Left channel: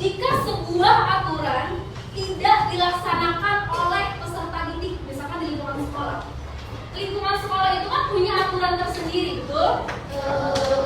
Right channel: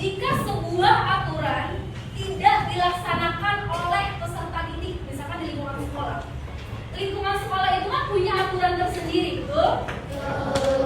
jika sebuah aturan tidak dilaksanakan oleh peserta didik, misalkan di lingkungan sekolah. Lingkungan sekolah itu kan punya aturan tersendiri, betul?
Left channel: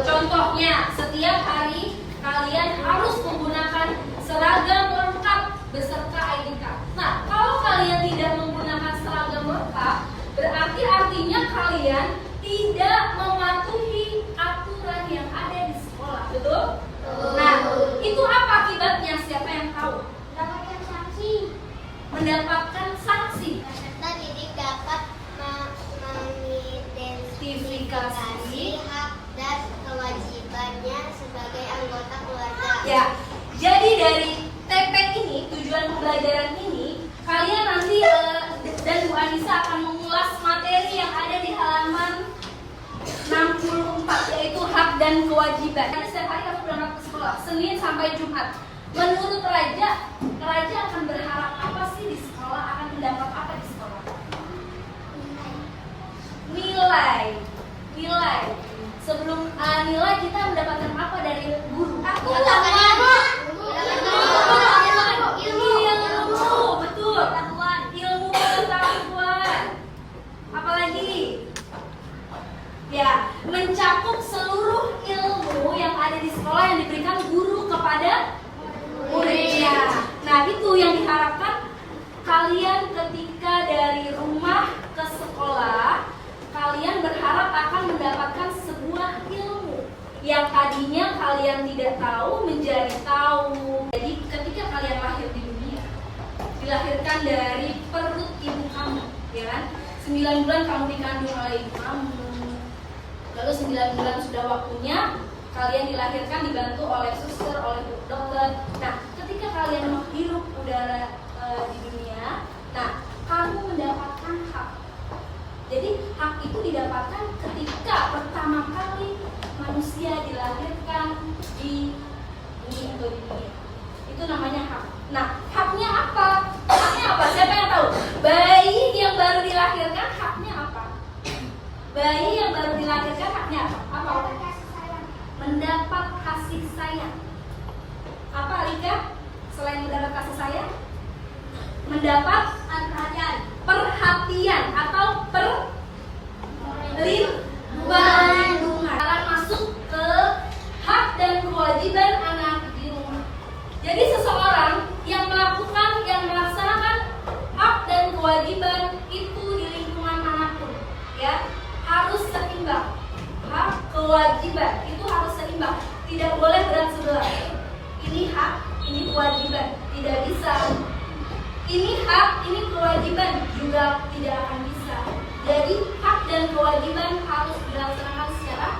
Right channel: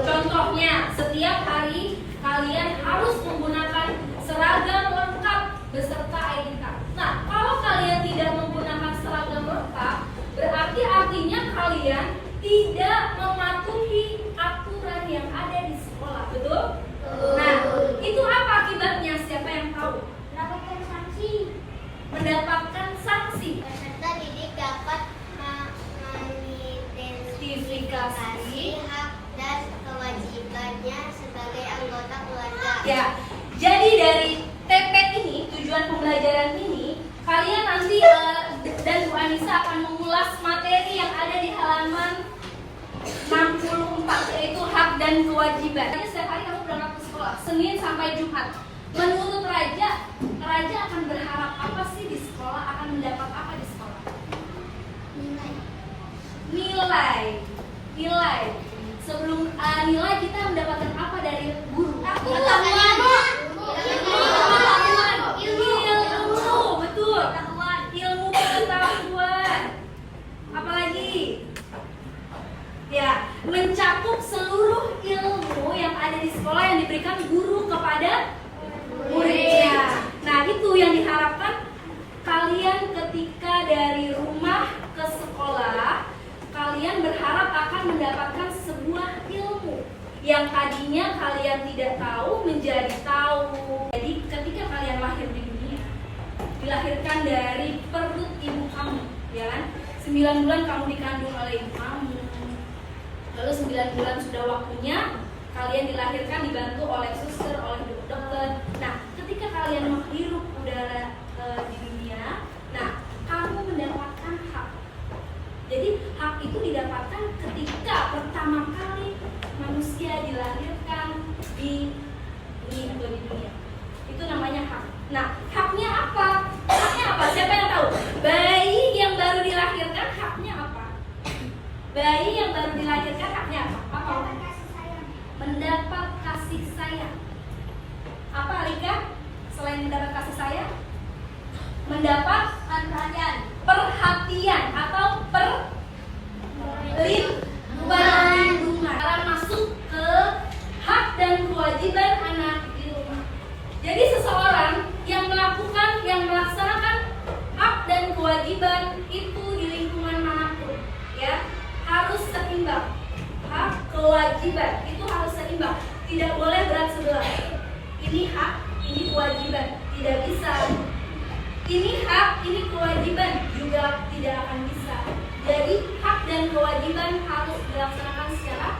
Contohnya, setiap hari kalian harus menggunakan seragam lengkap beserta ID card. Nah, kalau kalian tidak menggunakan seragam lengkap, berarti artinya kalian tidak mematuhi aturan yang ada di sekolah, betul? Nah, itu apa akibatnya? Siapa yang tahu? Mendapatkan sanksi. Mendapatkan sanksi. Peserta didik dapat mengidentifikasi hak dan kewajibannya sebagai anggota keluarga. Ya, jadi dari TP ini, tujuan pembelajaran ini, kalian nanti dan Bu Anissa akan mengulas materi yang ada di halaman 64, yaitu hak dan kewajiban. Setiap hari kamu berangkat ke sekolah, Senin sampai Jumat. Menurut Raja akan berharap apa sih di sekolah, akan mendapat apa di sekolah? Nilai. Sebelum nilai kita mendapatkan apa dari guru? Ilmu, betul. Ilmu pengetahuan. Apalagi? Ya, mencakup seluruh ilmu yang ada di sekolah yang diberikan guru kepada muridnya. Nah, itu yang diharapkan kalian ketika dari rumah ke sekolah, kalian berharap akan mendapatkan sebuah ilmu yang tadinya kalian tidak tahu menjadi tahu. Jadi ketika kalian lahir di dunia, dilahirkan dari perut ibu kamu, ya kan? 9 bulan kamu dikandung oleh ibu kamu. Lalu 9 bulan sudah waktunya kalian dilahirkan dibantu oleh suster, oleh dokter. Nah, ketika kalian menghirup udara di dunia, nah kamu mendapatkan hak. Jadi hak itu didapatkan ketika pertama kali manusia dilahirkan di bumi atau di dunia. Itu namanya hak. Nah, haknya apa? Haknya apa? Siapa yang tahu? Bayi yang baru dilahirkan haknya apa? Bayi yang baru dilahirkan haknya apa? Apa? Mendapat kasih sayang. Apa, Alika? Selain mendapat kasih sayang, mendapat perhatian atau perlindungan. Sekarang masuk ke hak dan kewajiban anak di rumah. Jadi seseorang yang melaksanakan hak dan kewajiban itu di lingkungan manapun, ya, harus seimbang. Hak kewajiban itu harus seimbang, tidak boleh berat sebelah. Ini hak, ini kewajiban, tidak bisa. Ini hak, ini kewajiban, juga tidak akan bisa. Jadi hak dan kewajiban harus dilaksanakan secara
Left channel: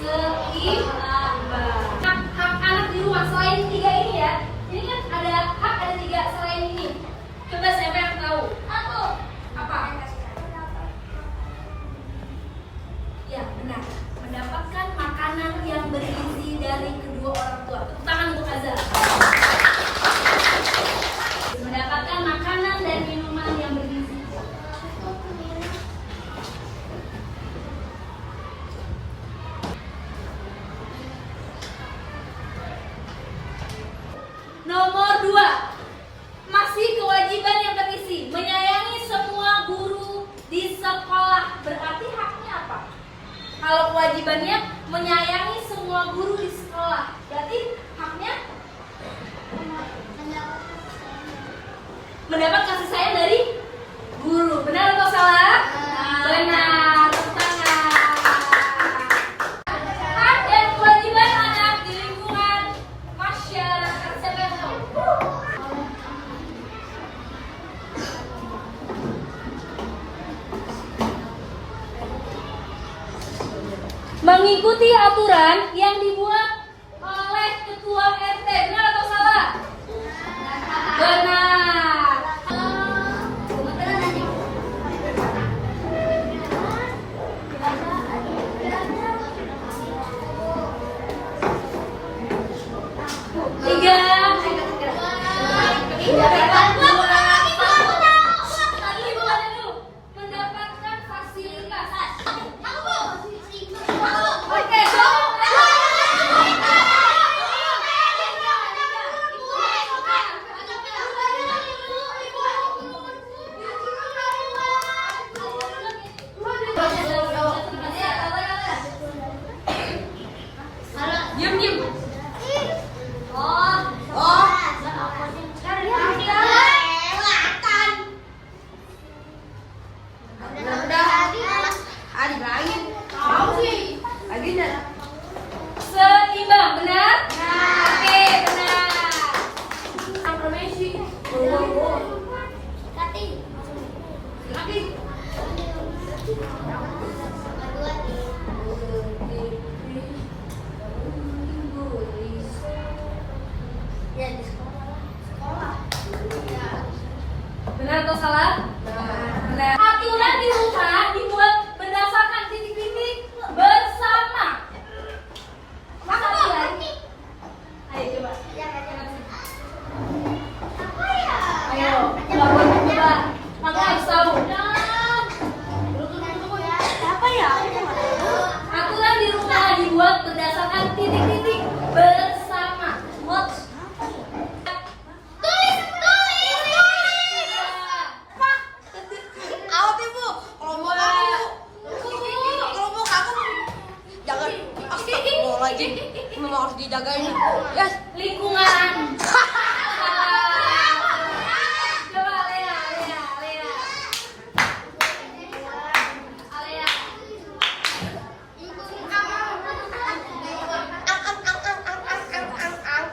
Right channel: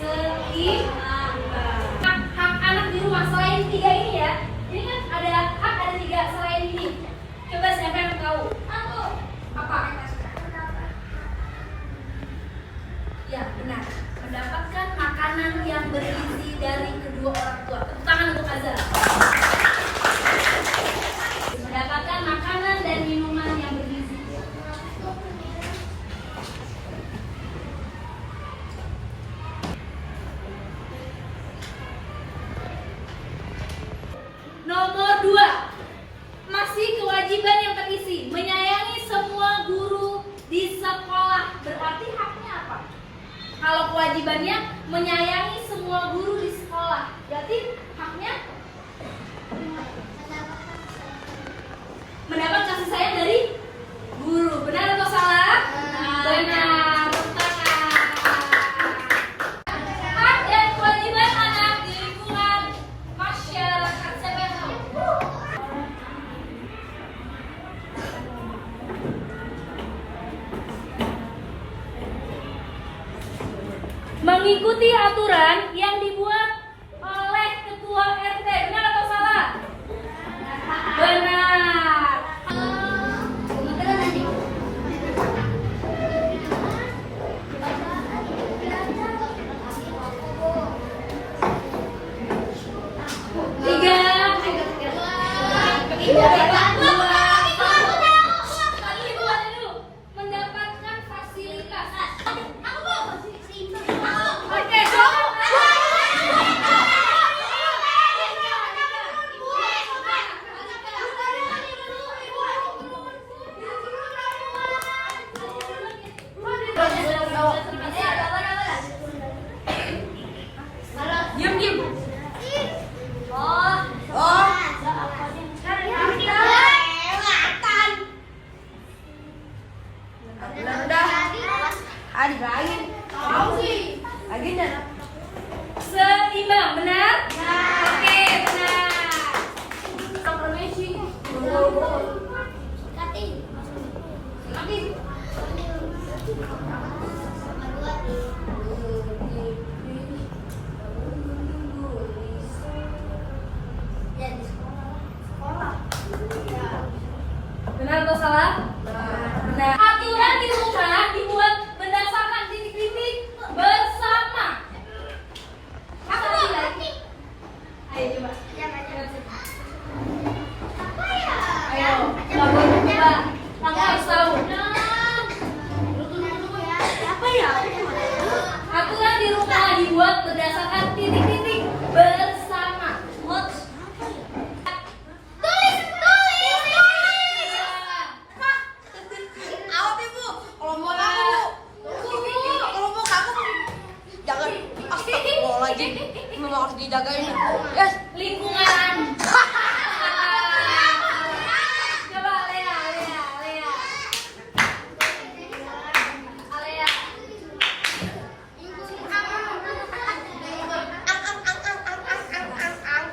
seimbang. Hak anak di rumah selain 3 ini ya. Ini kan ada hak, ada 3 selain ini. Coba siapa yang tahu? Aku. Apa? Ya, benar. Mendapatkan makanan yang bergizi dari kedua orang tua. Tepuk tangan untuk Azhar. Mendapatkan makanan dan minuman yang bergizi. Nomor 2, masih kewajiban yang terisi, menyayangi semua guru di sekolah. Berarti haknya apa? Kalau kewajibannya menyayangi semua guru di sekolah, berarti haknya mendapat kasih sayang dari guru. Benar atau salah? Benar. Hak dan kewajiban anak di lingkungan masyarakat. Siapa yang tahu? Mengikuti aturan yang dibuat oleh ketua RT. Benar atau salah? Benar. Mendapatkan fasilitas. Oke, salah? Benar. Aturan di rumah dibuat berdasarkan titik-titik bersama. Masa lagi? Ayo coba. Apa ya? Ayo. Coba. Kamu harus tahu. Apa ya? Aturan di rumah dibuat berdasarkan titik-titik bersama. What? Jangan astagfirullahaladzim, memang harus dijagain. Yes. Lingkungan. Coba Lea. Alea.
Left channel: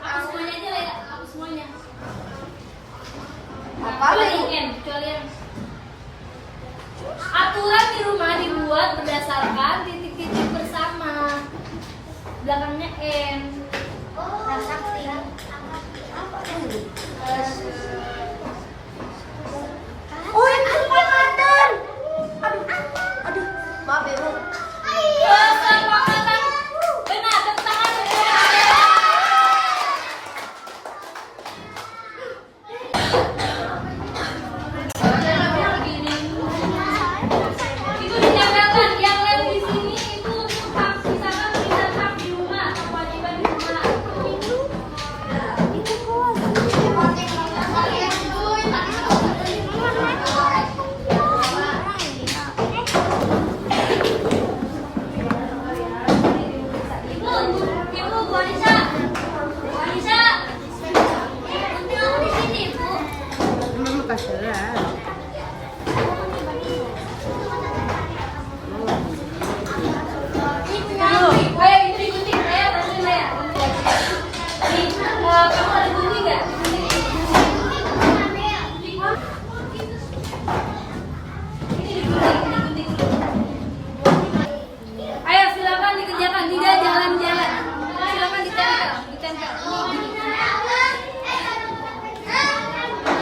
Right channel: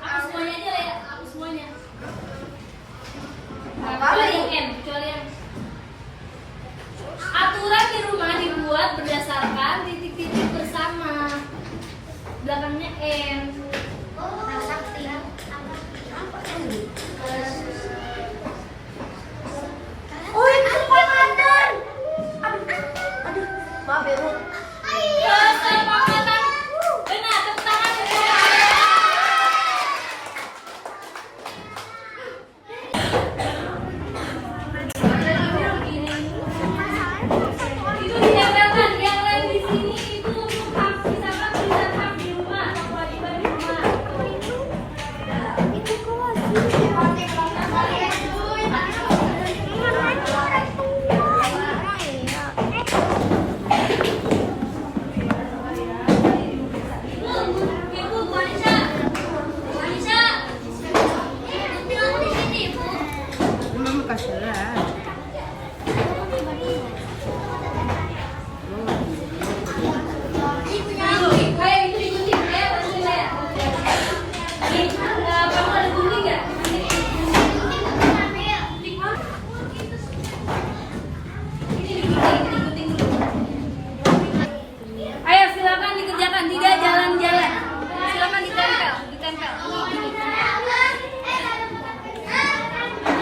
Aku semuanya aja Lea, aku semuanya. Kecuali yang aturan di rumah dibuat berdasarkan titik-titik bersama. Belakangnya N. Oh, itu kesepakatan. Aduh, maaf ya, Ru. Kesepakatan. Benar, tepuk tangan. Itu dicatatkan yang lem di sini itu untuk hak, misalkan tulisan hak di rumah, kewajiban di rumah. Ibu, Bu Anissa. Bu Anissa. Di sini. Memang kasihan. Ayo itu digunting, Lea, bantuin Lea. Kamu ada gunting nggak? Ayo silakan dikerjakan, tidak jalan-jalan. Silakan ditempel.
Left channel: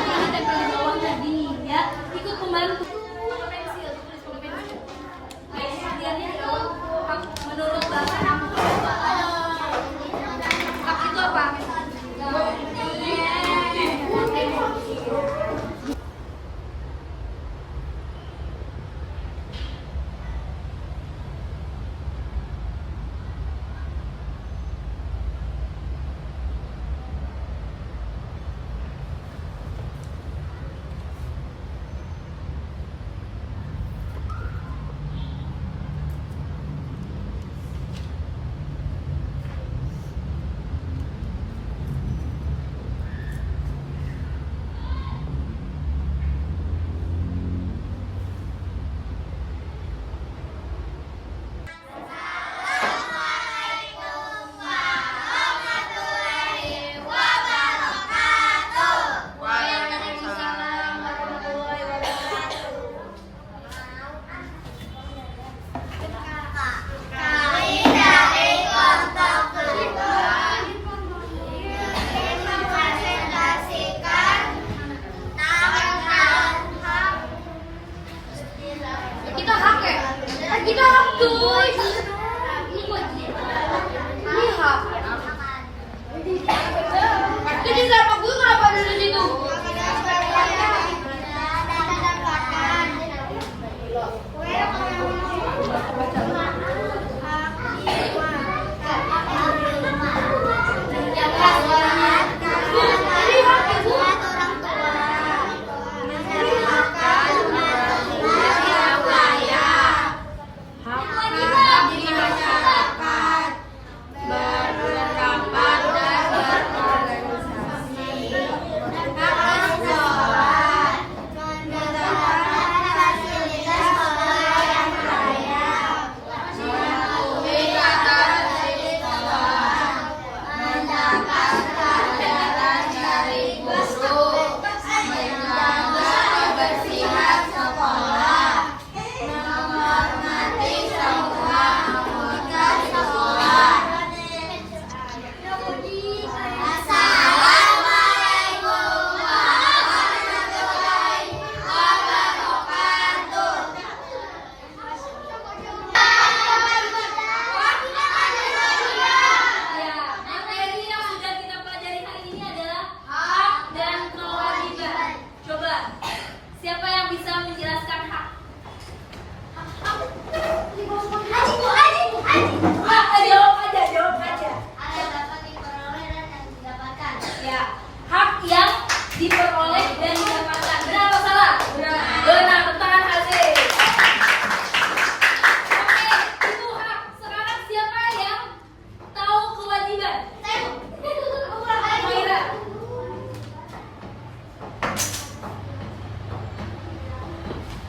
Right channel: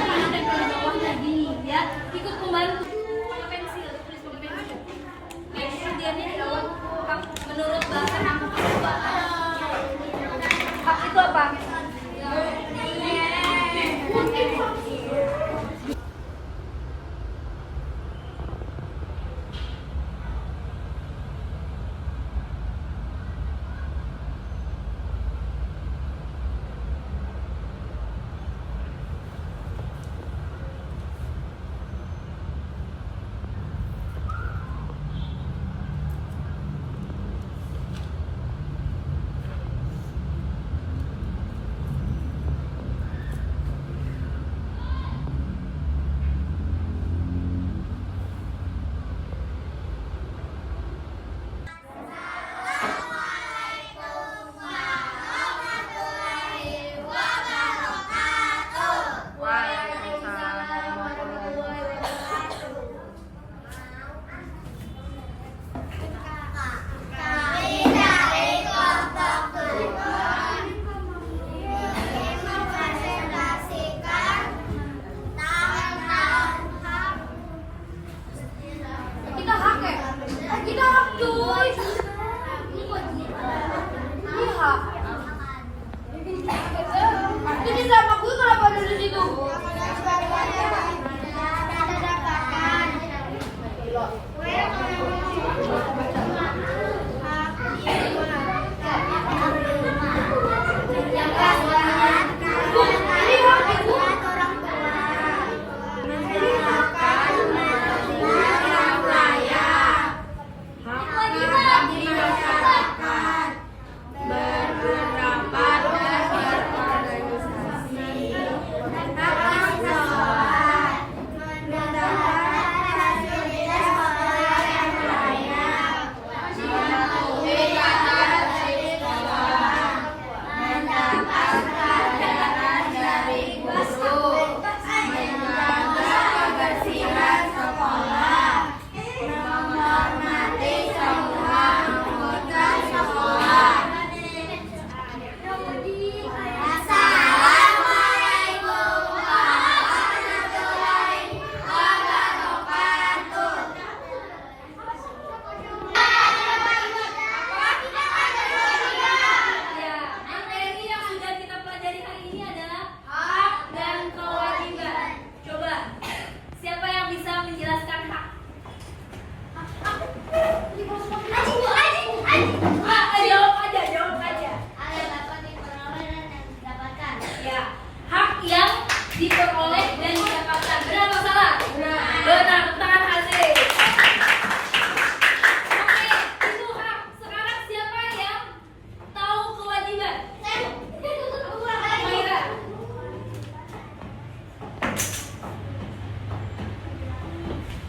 Ini tempel di bawahnya, gini ya. Ikut pembantu. Pakai pensil, ditulis pakai pensil. Kemudiannya di awal, menurut bahasa kamu. Hak itu apa?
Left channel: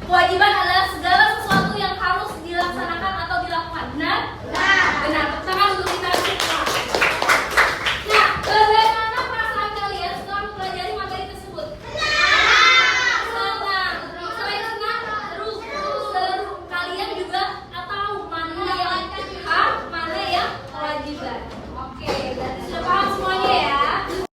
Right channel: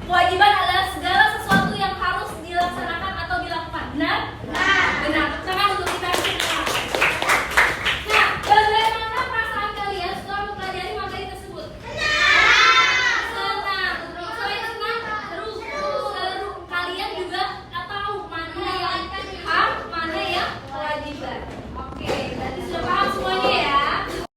Kewajiban adalah